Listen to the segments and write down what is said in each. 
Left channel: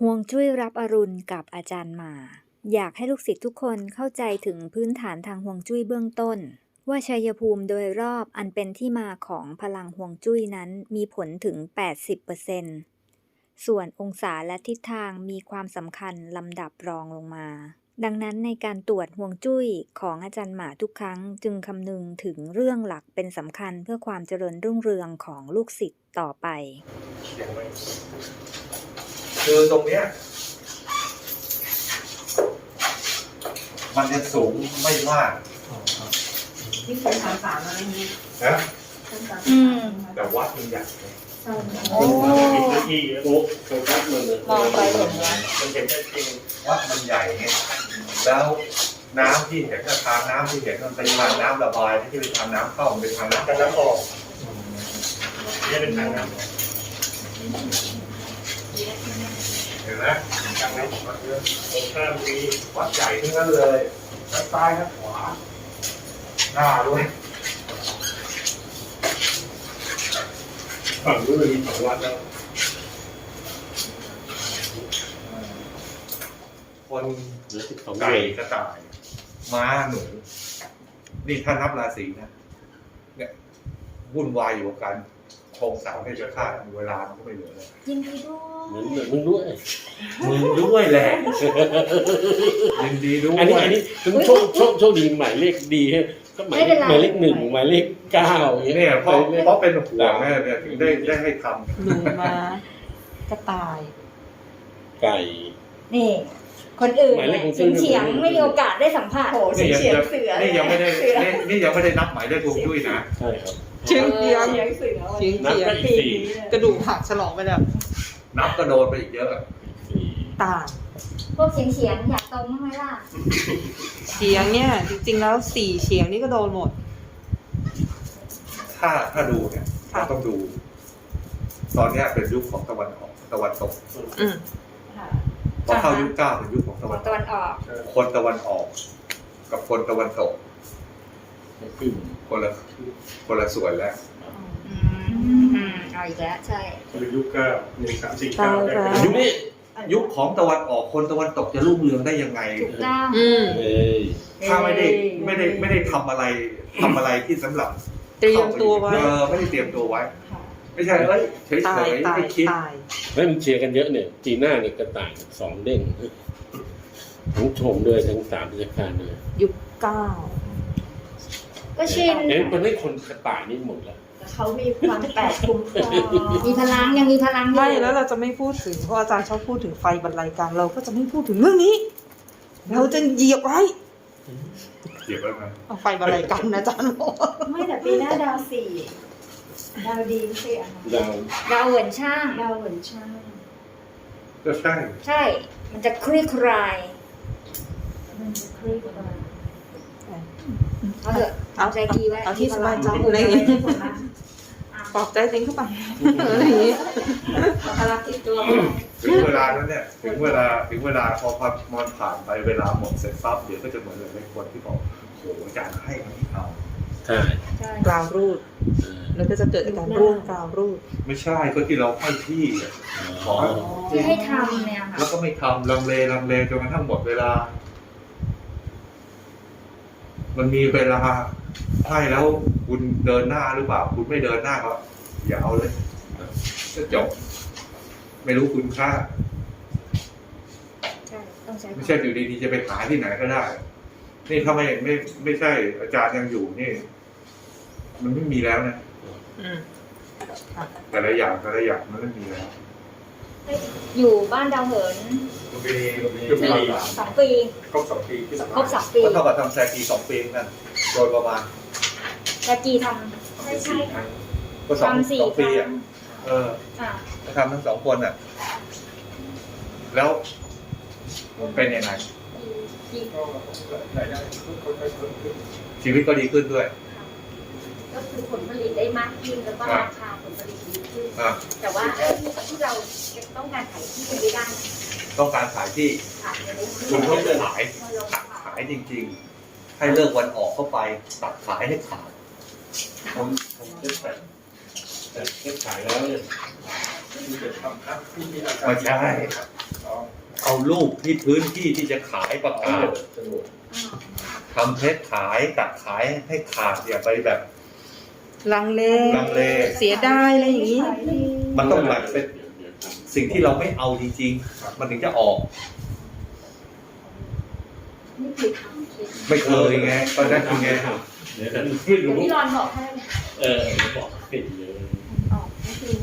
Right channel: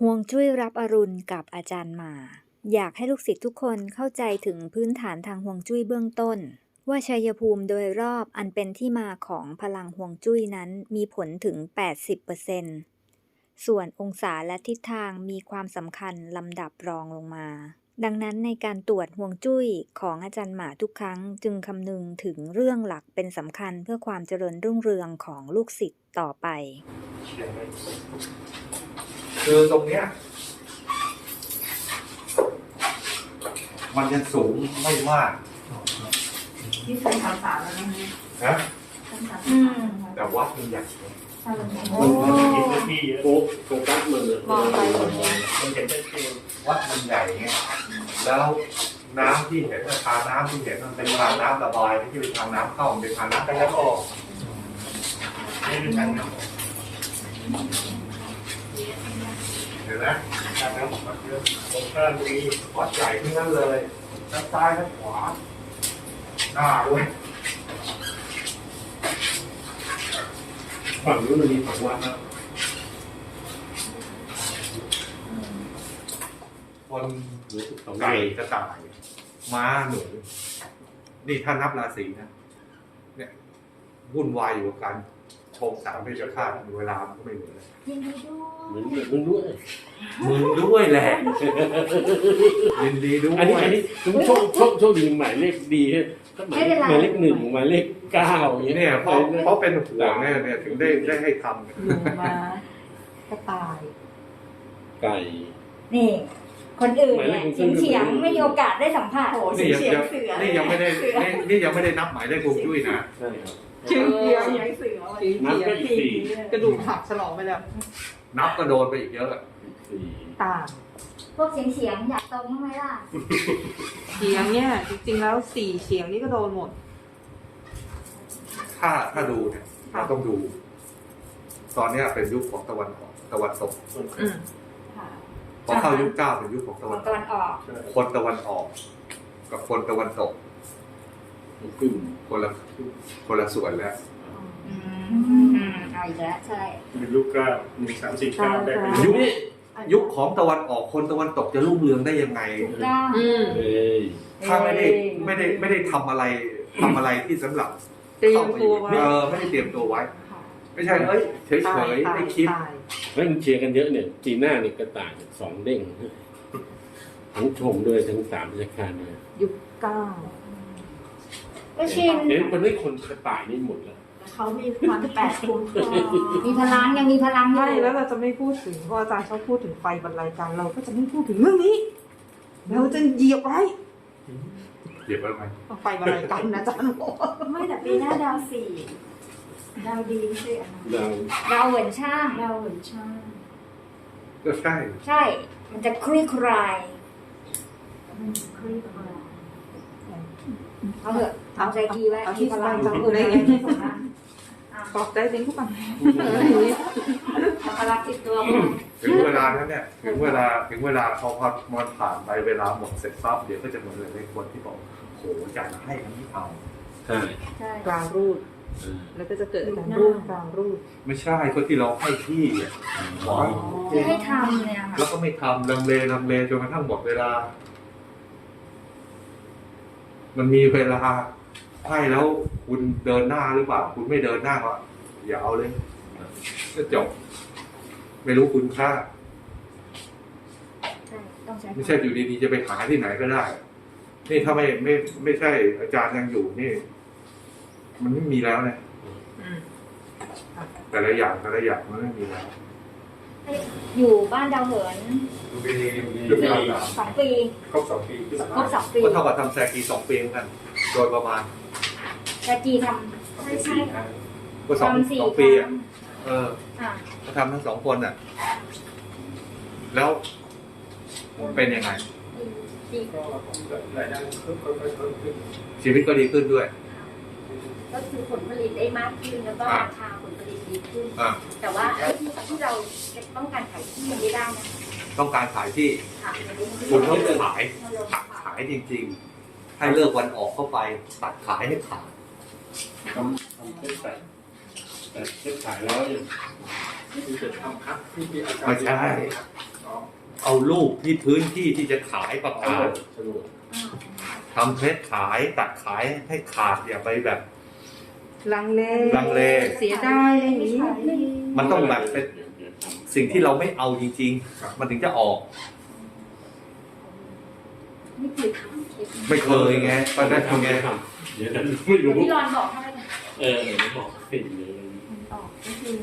ห่วงจุ้ยรับอรุณกับอาจารย์หมา อยากให้ลูกศิษย์ทุกคนเข้าใจถึงพื้นฐานทางห่วงจุ้ยเบื้องต้น ว่าชัยภูมิโดยรอบอันเป็นที่มาของพลังห่วงจุ้ยนั้นมีผลถึง 80%ส่วนองศาและทิศทางมีความสำคัญลำดับรองลงมา ดังนั้นในการตรวจห่วงจุ้ยของอาจารย์หมาทุกครั้งจึงคำนึงถึงเรื่องหลักเป็นสำคัญเพื่อความเจริญรุ่งเรืองของลูกศิษย์ต่อไป คือตรงเนี้ย มันยังสูงไม่มากที่เป็นสาวสาวอะไรเงี้ยนะเป็นสาวอืมแต่วัดมันใหญ่ไงสาวโอ้พื้นที่เยอะโฟโฟกัสมันเลยมองไปเห็นแล้วมันเห็นได้จริงวัดมันใหญ่ไงแล้วน้ำที่เห็นกับทางน้ำที่เห็นมันเป็นทางน้ำระบายไม่ใช่เป็นทางน้ำเข้ามันเป็นทางน้ำทางน้ำออกนี่เป็นทางน้ำออก เห็นไหมทางน้ำออกมาเยอะตรงข้ามมีวัดใหญ่ทั้งนั้นเลยทั้งซ้ายทั้งขวาหน้าด้วยฝั่งนู้นมีสองวัดแล้วคนหลือสิบสองไก่กระต่าย ม้าหนู นี่ถ้านับราศีนะเนี่ยวุ่นวายอยู่กับการ งสร้างเพชฌฆาตเวลามันก็ไม่เหลือเลยยินดีด้วเหมือนยเหมือนมึงด้วยมึงด้วยแหละยินดีด้วยอันนี้อันนี้คือโชคโชคโชคดีหมายเลขดีก็หมายเลขหมายเลขหนึ่งหมายเลขเก้าอย่างเงี้ยเนี่ยเพราะเพราะเป็นห่วงเนี่ยเนี่ยถึงได้ได้ให้ทหนูมากระต่าย ไก่ นี่ คนอื่นหมายเลเนี่ขยของเฉียงซึ่งเฉียงๆไม่มีโอกาสได้สัมผัส โอ้ำเสีนี่ยงยังเสือนี่ยังไม่ได้นี่นี่ยังไม่ได้นับหมายเลขฮวงจุ้ยนะ ใช่ครับ ชื่อเสียงเสียงเสือวันนี้นับไปอีกสี่กระดูกหักฉลองไปแล้วนับก็โดนไปอีกเยอะสี่ตาพวกเฉียงเฉียงๆอยากตรงบ้างไหมล่ะเฉียงเนี่ย จริงๆแล้วสี่เฉียงนี่ก็โดนหมด ถ้าถ้าดูเนี่ยเราต้องดู ตอนเนี้ยเป็นยุคของตะวันออกตะวันตกอืมพอเข้ายุคเก้าเป็นยุคของตะวันตตะกวันออก คนตะวันออก กับคนตะวันตก กึ่งคนละคนละส่วนแล้วอืมเอาอีกแล้วใช่เป็นยุคเก้าหนึ่งสามสี่เก้าได้ยุคยุคของตะวันออกคนตะวันตกจะรุ่งเรืองได้ยังไงถูกต้องอืมเอ้ยถ้าไม่ได้ไม่ได้ไม่ได้ทำอะไรทำอะไรที่สำหรับเตรียมตัวไว้เออไม่ได้เตรียมตัวไว้ค่ะไม่ใช่เอ้ยเฉยตาเฉยยตายไม่คิดตายไม่มันเชียร์กันเยอะเนี่ยจีน่าเนี่ยกระต่ายสองเด้งทั้งชมด้วยทั้งสามราชการเลยยุคเก้า ก็ชิน เอ๊ะมันไม่คนกระต่ายนี่หมดแล้ว เขามีความแปดคุ้มครองมีพลังยังมีพลังอยู่ ไม่แล้วเราจะไม่พูดถึงเพราะอาจารย์ชอบพูดถึงไฟบรรลัยกันเราก็จะไม่พูดถึงเรื่องนี้ เราจะเหยียบไว้เก็บไว้ไหมเอาไฟบรรลัยกันนะอาจารย์บอกไม่แต่ปีหน้าดาวสี่ดาวดีไม่ใช่เหรอคะเราดาวเหวินช่าง ดาวเหมือนช่างก็ใช่ ใช่ มันจะคลี่คลาย มันจะคลี่คลาย เอาเถอะเอาใจดีไว้เอาที่สบายใจมีพเลลัยงที่สุดนะปลอบใจจริงทุกคนอะไรอย่างนี้เอาพลังติดตัวเข้าไปถึงเวลานั้นเนี่ยถึงเวลาถึงเวลาพอพอมันผ่านไปเวลาหมดเสร็จปั๊บเดี๋ยวก็จะเหมือนเลยคนที่บอกโหอาจารย์ให้ทั้งที่เอาใช่ใช่กราวรูปเออแล้วก็จะเกิดการร่วมกราวรูป ไม่ใช่ก็ที่เราให้ที่อะอ๋อที่ให้ทำเนี่ยค่ะแล้วก็ไม่ทำลังเลลังเลจนกระทั่งหมดเวลา มันมีเวลาให้แล้วคุณเดินหน้าหรือเปล่า คุณไม่เดินหน้าก็อย่าเอาเลยก็จบ ไม่รู้คุณค่า ใช่ต้องใช้ไม่ใช่อยู่ดีๆจะไปหาที่ไหนก็ได้ นี่ถ้าไม่ไม่ไม่ใช่อาจารย์ยังอยู่นี่ มันไม่มีแล้วนะอืมแต่ละอย่างแต่ละอย่างมันไม่มีแล้ว อยู่บ้านดาวเหินมันมียุคเวลาสองปีครบสองปีขึ้นครบสองปีก็เท่ากับทำแซกีสองปีเหมือนกัน โดยประมาณแต่จีทใช่ใช่ก็สองำทำสี่สองคปีรั้อะงเอออะก็ทำทั้งสองคนอะ แล้วมันเป็นยังไงปีรายได้ค่อยๆเพิ่มขึ้นชีวิตก็ดีขึ้นด้วย ก็คือผลผลิตได้มากขึ้นแล้วก็ราคา ผลผลิตดีขึ้น อะแต่ว่าไอ้ที่ที่เราต้องการขายที่ยังไม่ได้นะต้องการขายที่ค่ะคุณต้องขายเราขายขายจริง ๆ ให้เลิกวันออกเข้าไปตัดขายให้ขาดทำทำเช็คขายแต่เช็คขายแล้วเนี่ยมีแต่ทำครับที่ที่อาจารย์ไม่ใช่อ๋อเอารูปที่พื้นที่ที่จะขายประกาศสนุกทำเพชรขายตัดขายให้ขาดอย่าไปแบบ ลังเล ลังเล เสียดายอะไรอย่างนี้ มันต้องแบบเป็นเดี๋ยวเดี๋ยวทำสิ่งที่เราไม่เอาจริงๆ มันถึงจะออก นี่เคยทำเคยทำไม่เคยไงตอนนั้นคุณไงเดี๋ยวนั้นไม่รู้ พี่รอนบอกให้เออไม่บอกเป็นเลยออกก็คือ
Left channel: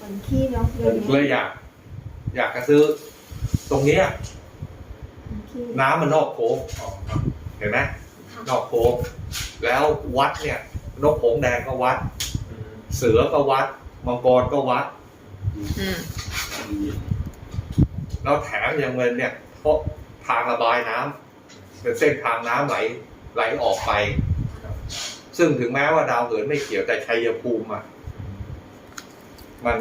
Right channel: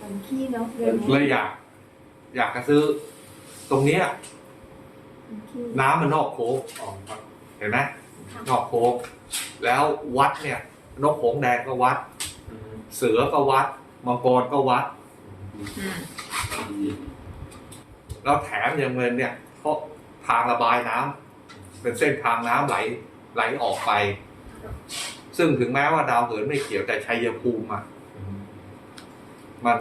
วันขี้เนาะเดือนเลนี้ยอยาก อยากจะซื้อ ตรงเนี้ยวันขี้น้ำมันนอกโค้งเห็นไหมนอกโค้งแล้ววัดเนี่ย นกโขงแดงก็วัด เสือก็วัด มังกรก็วัด อืมแล้วแถมยังเงินเนี่ยเพราะทางระบายน้ำเป็นเส้นทางน้ำไหลไหลออกไป ซึ่งถึงแม้ว่าดาวเหินไม่เกี่ยวแต่ชัยภูมิอะมัน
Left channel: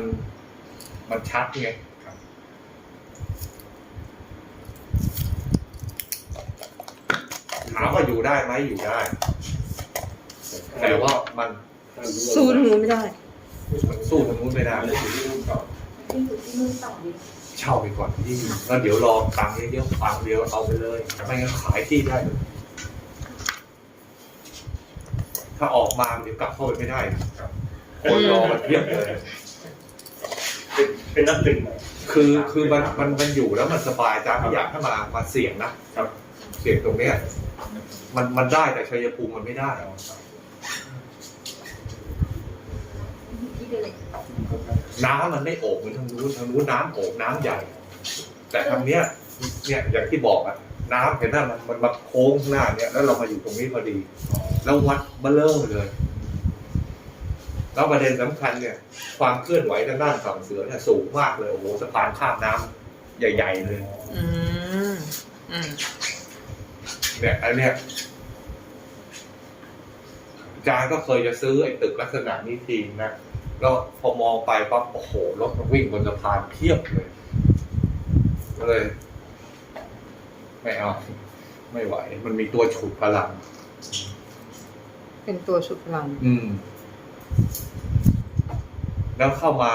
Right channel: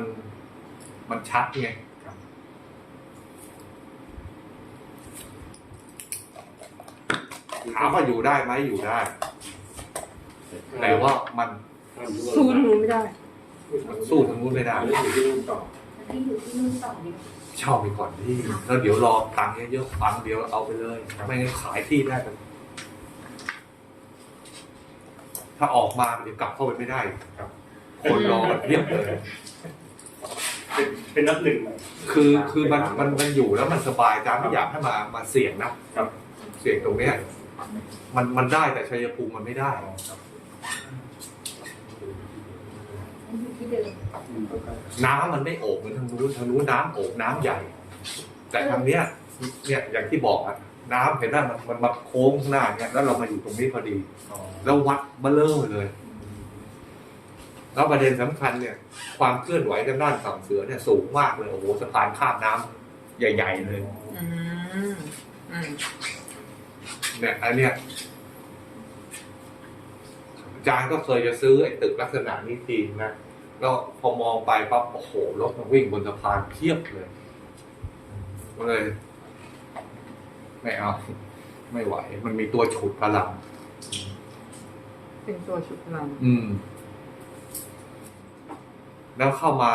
มันชัดไงถามว่าอยู่ได้ไหมอยู่ได้ แต่ว่ามันสู้ทางนู้นไม่ได้ สู้ทางนู้นไม่ได้แล้วอยู่ที่นู่นต่อที่อยู่ที่นู่นต่อเลยเช่าไปก่อนที่แล้วเดี๋ยวรอตังค์เยอะๆตังค์เดียวเอาไปเลยไม่งั้นขายที่ได้เลยถ้าออกมาเดี๋ยวกลับเข้าไปไม่ได้ครับคนรอเรียบเลยเป็นเป็นนับหนึ่งนะคือคือมันมันมันอยู่แล้วมันสบายจ้าไม่อยากให้มามาเสี่ยงนะครับ เสี่ยงตรงเนี้ยมันมันได้แต่ชัยภูมิมันไม่ได้ อยู่ที่เดิมน้ำมันไม่โอบเหมือนทางนู้นทางนู้นน้ำโอบน้ำใหญ่ แต่ทางเนี้ยเนี่ยอย่างที่บอกอะน้ำเห็นไหมมันมันมาโค้งข้างหน้าเนี่ยแล้วเรามาอยู่ตรงนี้พอดี แล้ววัดเบลเลอร์เลยแล้วประเด็นสำคัญเนี่ย ความเคลื่อนไหวทางด้านฝั่งเสือเนี่ยสูงมากเลยโอ้โหสะพานข้ามน้ำใหญ่ ๆ เลย อืมอืมเนี่ยอันเนี้ยอาจารย์ก็เคยจะซื้อไอ้ตึกลักษณะนี้ทีนะ แล้วพอมองไปปั๊บโอ้โหรถมันวิ่งบนสะพานเพียบเลยก็เลย ไม่เอาไม่ไหว มันมีตัวฉุดพลัง เป็นตัวชุดพลัง อืม แล้วเข้ามา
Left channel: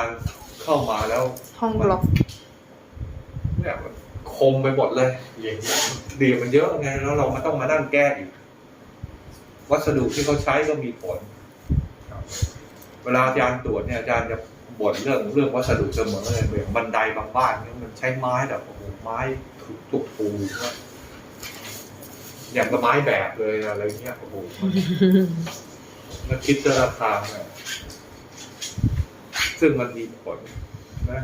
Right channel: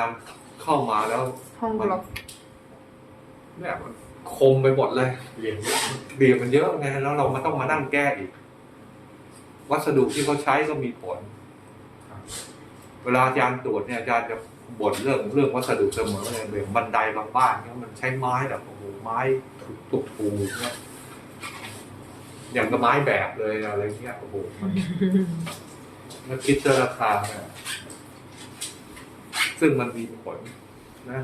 เข้ามาแล้วห้องบล็อกเนี่ยมันคมไปหมดเลยเรียงเบียร์มันเยอะไงแล้วเรามาต้องมานั่งแก้อีกวัสดุที่เขาใช้ก็มีผล เวลาอาจารย์ตรวจเนี่ยอาจารย์จะบ่นเรื่องเรื่องวัสดุเสมอเลยแบบบันไดบางบ้านเนี่ยมันใช้ไม้แบบโอ้โหไม้ถูกถูกถูกเนี่ยอย่างกับไม้แบบเลยอะไรเงี้ยโอ้โหมันคิดราคาเนี่ยซึ่งมันมีผลนะ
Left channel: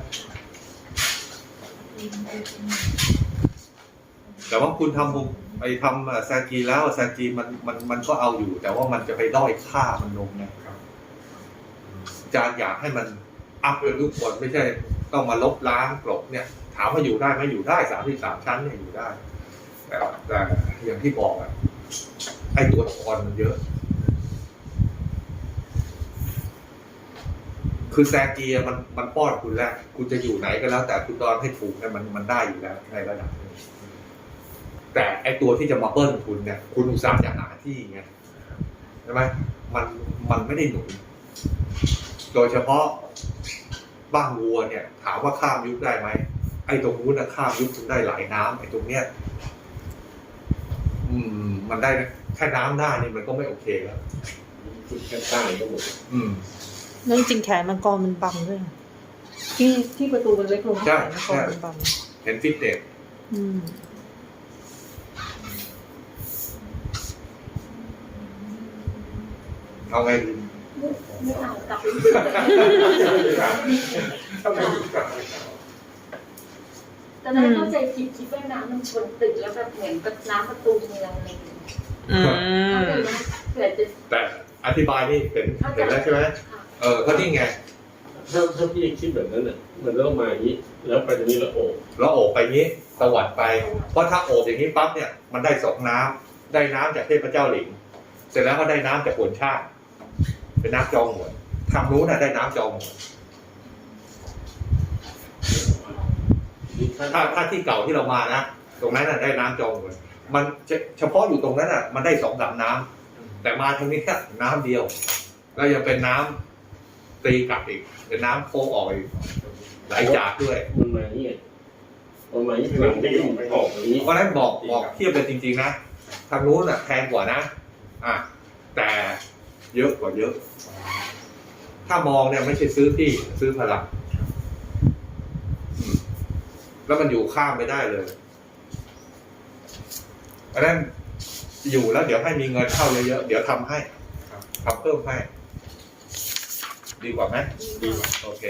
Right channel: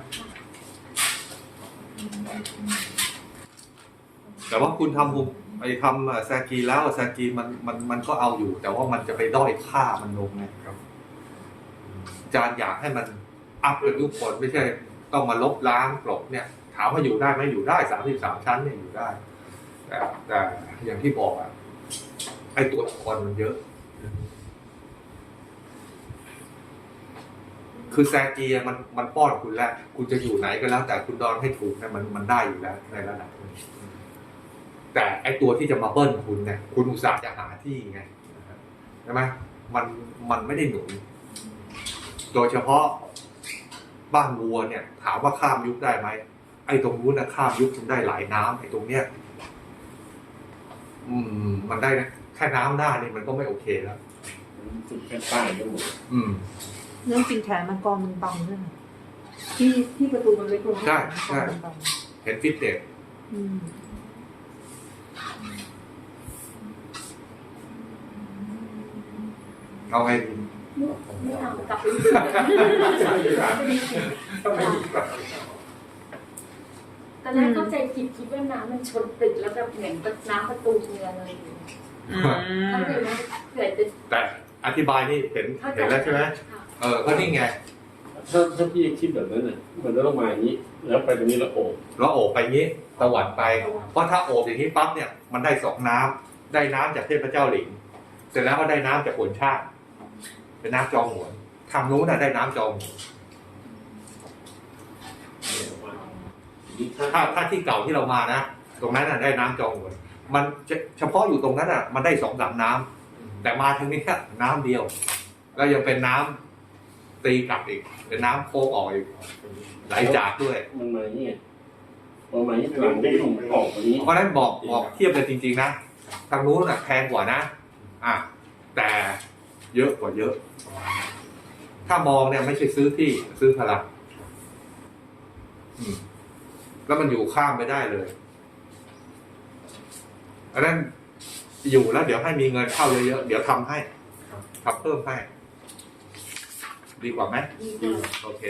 แต่ว่าคุณทำบุไปทำแซกีแล้วแซกีมันมันมันก็เอาอยู่ แต่ว่ามันจะไปด้อยค่ามันลงไงครับ จารย์อยากให้มันอัพเป็นทุกคนไม่ใช่ต้องมาลบล้างกลบเนี่ย ถามว่าอยู่ได้ไหมอยู่ได้สามที่สามชั้นเนี่ยอยู่ได้แต่แต่อย่างที่บอกอะไอตัวทอนมันเยอะ คือแซกีอะมันมันป้อนคุณแล้วคุณจะอยู่ไหนก็แล้ว แต่คุณดอนให้ถูกเนี่ยมันมันได้อยู่แล้วในระดับนึงแต่ไอตัวที่จะมาเบิ้ลคุณเนี่ย คุณอุตส่าห์จะหาที่ไงใช่ไหมมันมันไม่ได้หนุน โดยเฉพาะบ้านวัวเนี่ย ถามว่าข้ามยุคได้ไหมไอ้ตรงนู้นนะข้ามยุคคุณได้หลายน้ำไอ้ตรงเนี้ยอืม มันได้นะแค่น้ำหน้านี่มันก็ไม่โอเคแล้วจุดแค่ใต้ก็หมดอืมนั่นจริงแขนมังกรมันบังด้วยนะที่ที่ประตูมันเล็กลงใช่แขใช่นมังกรมันบังเห็นฟิตเนสอืมเอาไงดี ไม่เอากลับไปต้องไปดูก่อนตอนนั้นเข้าใจผิดคิดว่าน้ำมันชนตึกแล้วแบบเหมือนน้ำประตูเมืองอะไรอย่างเงี้ยเข้าใจไหมเผื่อจะแต่อธิบายนี่เห็นเห็นแล้วใช่ไหมเออก็นี่ไงถ้าถ้าพี่คิดแบบนั้นน่ะมันจะต้องมาอย่างนี้ แล้วไปตรงนี้แล้วโอบแล้วโอบไปนี้ตวัดไป เพราะถ้าโอบอย่างนี้ปั๊บเนี่ยมันได้สองน้ำได้น้ำจากเทพเจ้าหลิง เสร็จแล้วก็ได้น้ำจากหวนชาติ เป็นน้ำจองหวนทางนู้นน่ะได้น้ำจองหวนนี่ถ้าถ้าถ้าที่เก่าที่เรามานะตรงนั้นน่ะได้น้ำจองหวนมันจะเฉพาะอยู่ตรงนั้นอะ มันได้สองสามน้ำแต่มาทางนี้แค่น้ำเดียว แล้วยังเป็นน้ำตีกลับอีก เป็นน้ำโค้งออกอีกไหลจากด้วยมันมาเนี่ยโอ้ไหมหลังได้ออกนี้เพราะฉะนั้นบอกบอกเทียบเลยจริง ๆ นะทางนู้นอะแพงกว่านะ อะแต่ เยอะกว่าเยอะ ถ้ามองเนี่ยไม่ใช่ซื้อที่ซื้อพลังอืมแล้วมันอยู่ข้ามไม่ได้เลยอันนั้นอยู่แล้ว เดี๋ยวให้มีเงินเข้าเยอะๆเดี๋ยวทำให้ทำเพิ่มให้ ดีกว่าไหมดีกว่าโอเค